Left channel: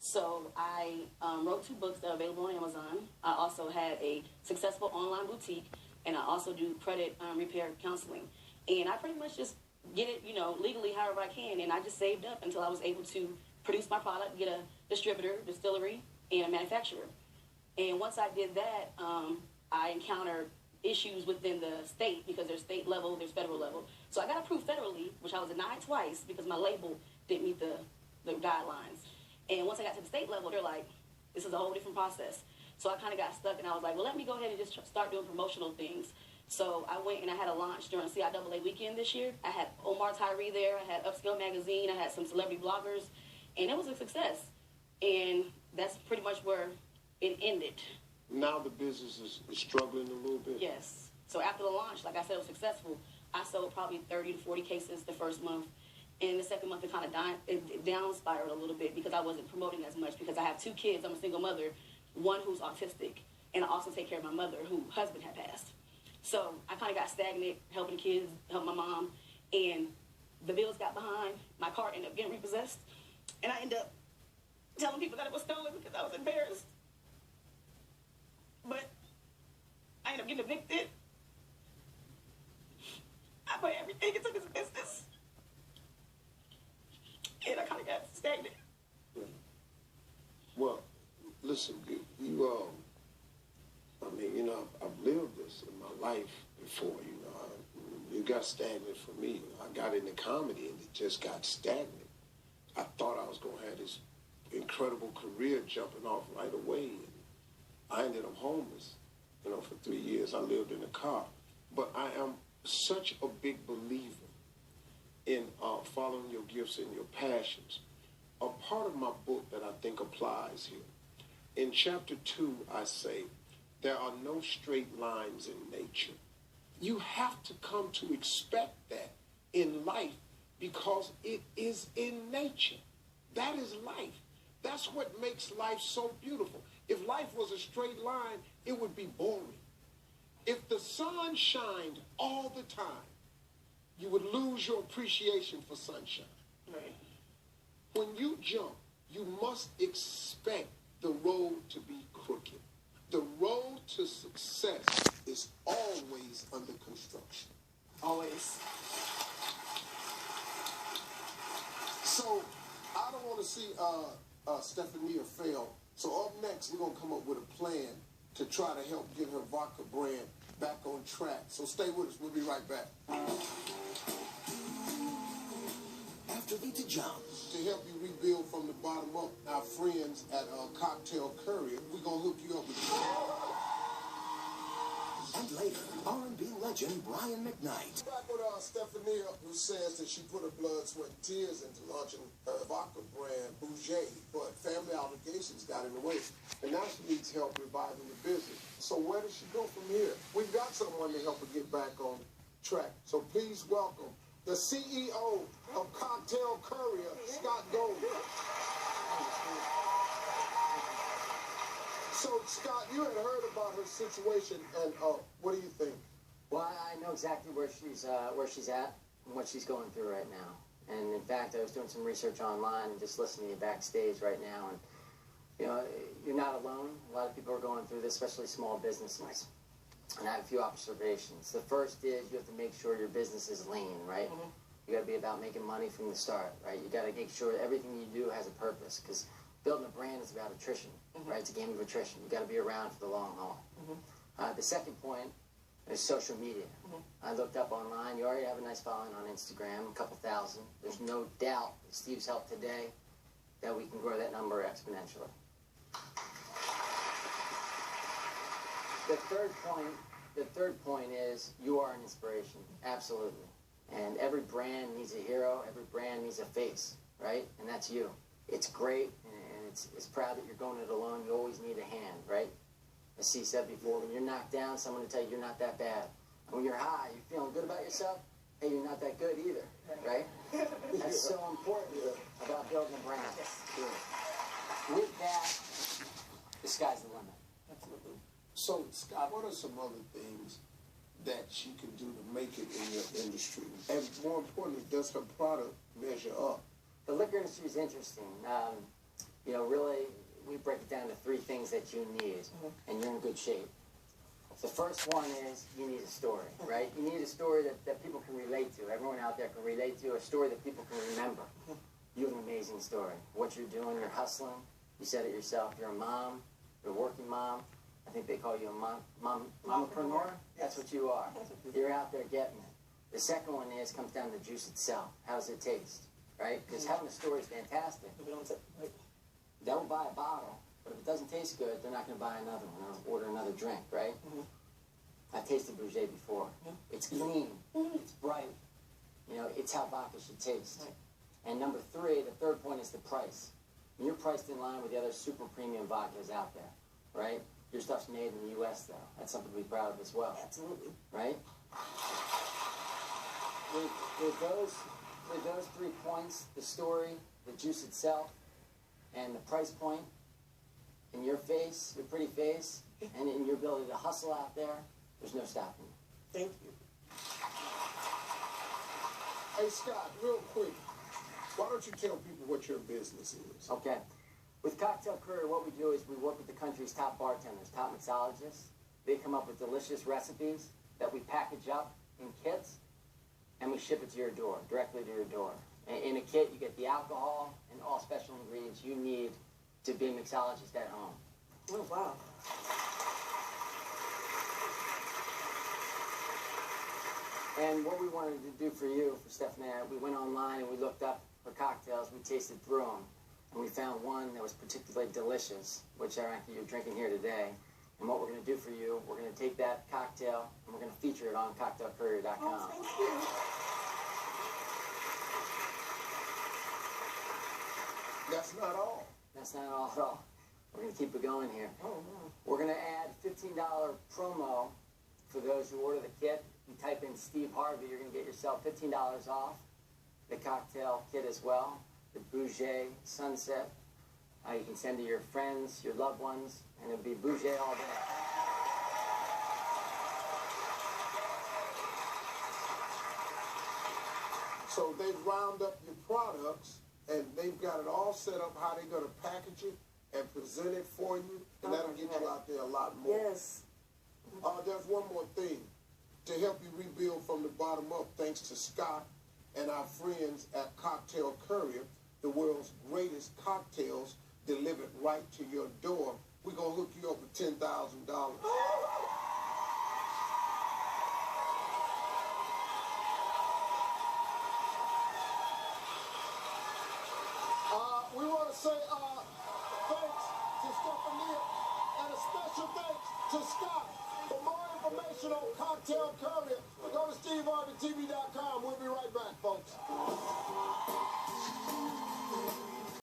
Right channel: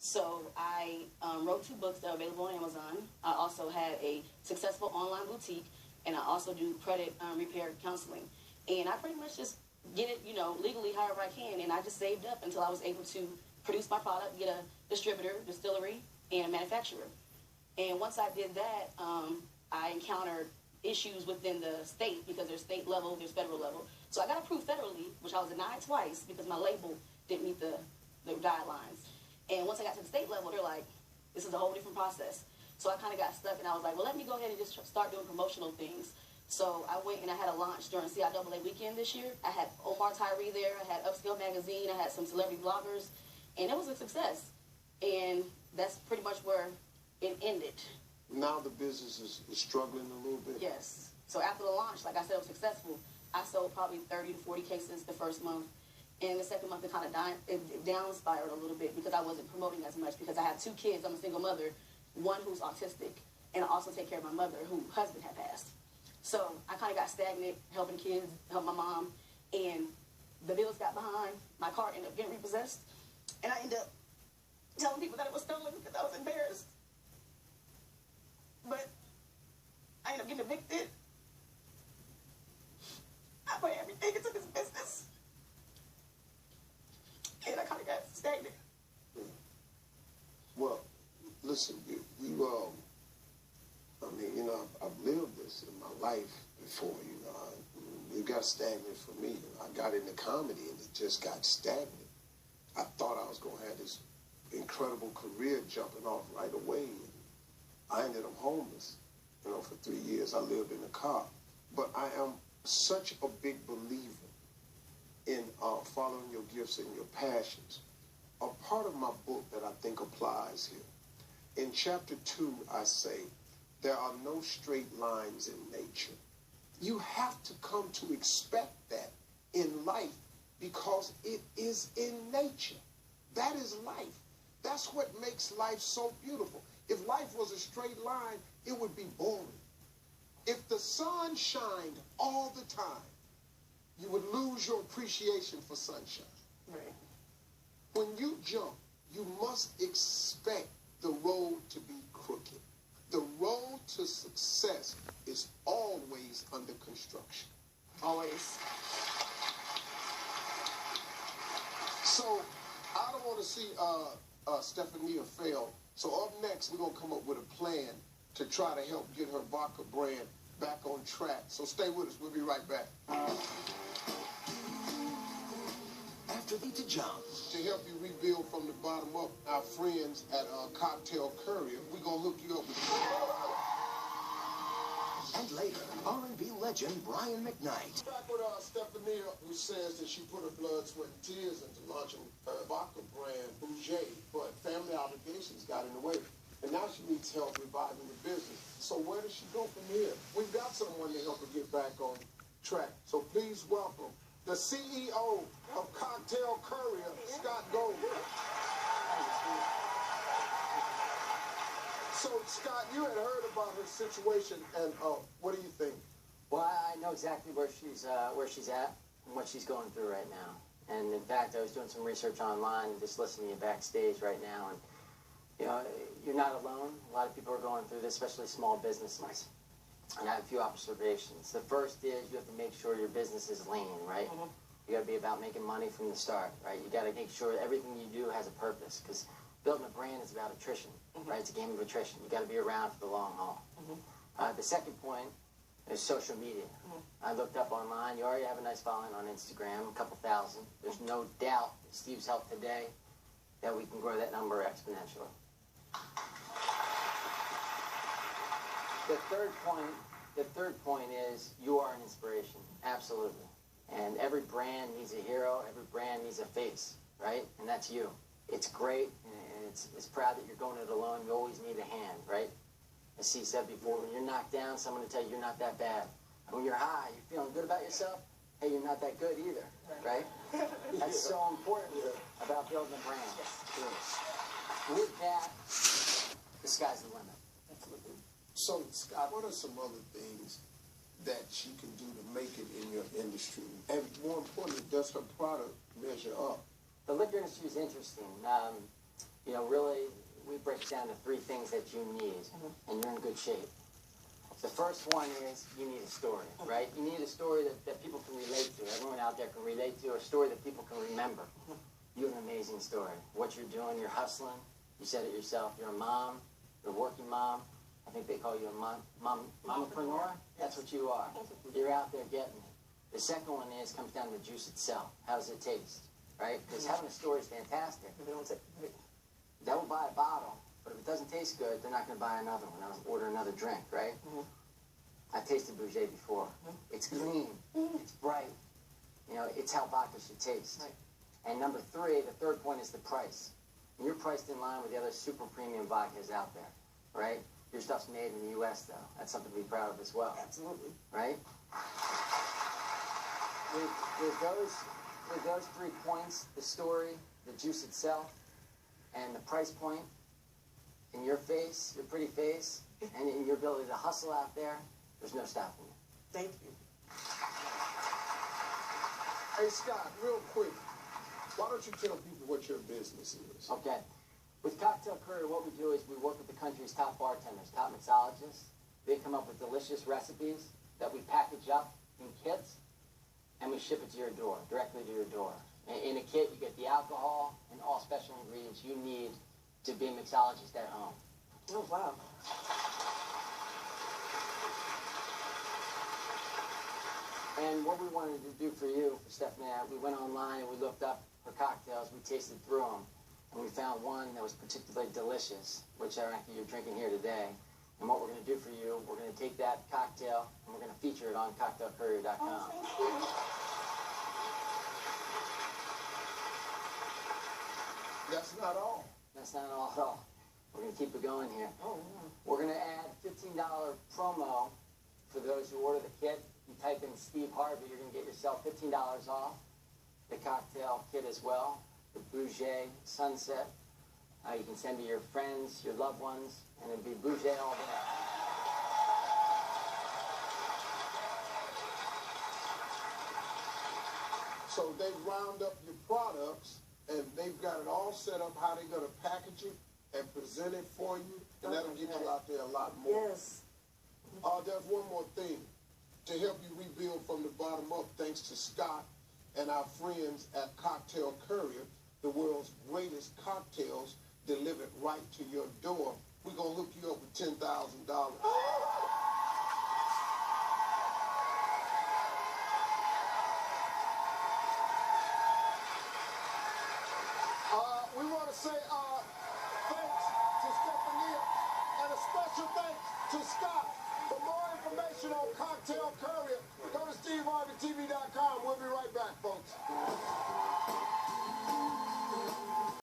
So I wrote 2 books that are available on Amazon. I also had a successful online boutique, and I also do credit repair counseling. And I pretty much just get it, legally however I can. And I just saved up until I was able to produce my product, get a distributor, distillery, and a manufacturer. And once I did that, I encountered issues within the state because there's state level, there's federal level. So I got approved federally, which I was denied twice because my label didn't meet the guidelines. And once I got to the state level, they're like, this is a whole different process. So I kind of got stuck, and I was like, well, let me go ahead and just start doing promotional things. So I went and I had a launch during CIAA weekend this year. I had Omar Tyree there. I had Upscale Magazine. I had some celebrity bloggers. And it was a success. And that's pretty much where it ended. Now the business is struggling a little bit? Yes. So after the launch, like I said, it was successful. I sold probably 30 to 40 cases the first month. And the second month, it down spiraled a little bit because I wasn't promoting as much because I have 2 kids. I'm a single mother, one who's autistic, and I also take care of my mother whose husband had passed. So I kind of got stagnant, helping the kids, help my mom, and the bills got behind. My car ended up getting repossessed, and I ended up telling people that it was stolen because I was embarrassed. But I ended up getting evicted. I put everything into this business. And I kind of got stagnant. Well, listen, I've lived this in my life before, You got stagnant for me. I got into comedy and it just got stagnant. I thought I was going to have this incredible career jumping off right away. And I ended up homeless, for 3 years. I lived in a car. But I am such a big believer in following your gifts and your passions. A part of my book that I think applies here. In chapter 2, I say, there are no straight lines in nature. You have to come to expect that in life because it is in nature. That is life. That's what makes life so beautiful. If life was a straight line, it would be boring. If the sun shined all the time, you would lose your appreciation for sunshine. Right. When you jump, you must expect the road to be crooked. The road to success is always under construction. Always. So I don't want to see Stephania fail. So up next, we're going to come up with a plan to try to help get her vodka brand back on track. So stay with us. We'll be right back. After the jump. To help you rebuild from the bottom up, our friends at Cocktail Courier, we're going to hook you up with And later, R&B legend Brian McKnight. Back with Stephania, who says that she put her blood, sweat, and tears into launching her vodka brand, Bouger, but family obligations got in the way. And now she needs help reviving the business. So where does she go from here? We've got someone to help her get back on track. So please welcome the CEO of Cocktail Courier, Scott Golden. So, Scott, you had heard about her situation, and what do you think? Well, I know exactly where she's at and what she's going through right now. And in fact, I was doing some research online and just listening to you backstage right now. And you're not alone. A lot of people are going through this, especially small businesses. And I have a few observations. The first is you have to make sure your business is lean, right? Mm-hmm. You got to be about making money from the start, right? You got to make sure everything you do has a purpose, because building a brand is about attrition, mm-hmm. right? It's a game of attrition. You got to be around for the long haul. Mm-hmm. The second point is social media. Mm-hmm. I looked up online. You already have a nice following on Instagram, a couple thousand. There's no doubt with Steve's help today that we can grow that number exponentially. The third point is you are an inspiration, absolutely. And every brand needs a hero, every brand needs a face, right? And that's you. It's great, and it's proud that you're going it alone. You always need a hand, right? As Steve said before, when you're knocked down, someone will tell you you're not that bad. And when you're high, you're feeling good about yourself, hey, you're not that good either, right? That's so important about building a brand. With that, the sky's the limit. Absolutely. So, Scott, what are some other things that you can do to make it in your industry? And more importantly, does her product measure up? The liquor industry is interesting. Really, break it down to 3 things that you need, and you're in good shape. The first one is you need a story, right? You need a story that people can relate to. Everyone out there can relate to, a story that people can remember. You have an amazing story. What you're doing, you're hustling. You said it yourself. You're a mom. You're a working mom. I think they call you a mompreneur. That's what you are. You're out there getting it. The second one comes down to the juice itself. How does it taste, right? Because having a story is fantastic. They'll buy a bottle, but if it doesn't taste good, they're not going to buy another one. They'll order another drink, right? I've tasted Bouger before. It's clean. It's bright. You know, it's how vodka should taste. And number 3, the third point is the price. And you're priced in line with the other super premium vodkas out there, right? Your stuff's made in the U.S., though. That's something to be proud of as well. Absolutely. Right? With those 3 points, the story, the juice itself, and the price point, in your face, your pretty face, and in your ability to hustle out there, there's no stopping you. Thank you. Hey, Scott, real quick, why don't you tell people what your business is? Okay. With Cocktail Courier, what we do is we work with the country's top bartenders, top mixologists. They come up with delicious recipes that we package up in kits, and we ship it to your door, directly to your door. In a kit, you get the alcohol and all special ingredients you need to be a mixologist at home. Oh, wow. And what we wanted to do for you, for Stephania, we went online and we looked up her cocktails, we tasted through them, and we found one that was particularly delicious, which ironically you're drinking here today. And what we're going to do for you, we're going to take that cocktail and we're going to feature it on cocktailcourier.com. Oh, thank you. That's not all. That's not all at all. We're going to keep it going here. Oh, no. We're going to add $15 promo for those who order the kit. You type in Steve Harvey, you're going to get yourself $15 off the cocktail kit as well, the Bouger Sunset. You can send to your friends, your loved ones, and it'll be Bouger all day. So they've round up your products, and they've got it all set up how they're going to package it and present it for you, and that'll get you out there a lot more. Yes. There's one more thing. To help you rebuild from the bottom up, thanks to Scott and our friends at Cocktail Courier, the world's greatest cocktails delivered right to your door, we're going to hook you up with $10,000. We want to say thanks to Stephania and a special thanks to Scott. For more information on Cocktail Courier, go to SteveHarveyTV.com. We'll be right back, folks.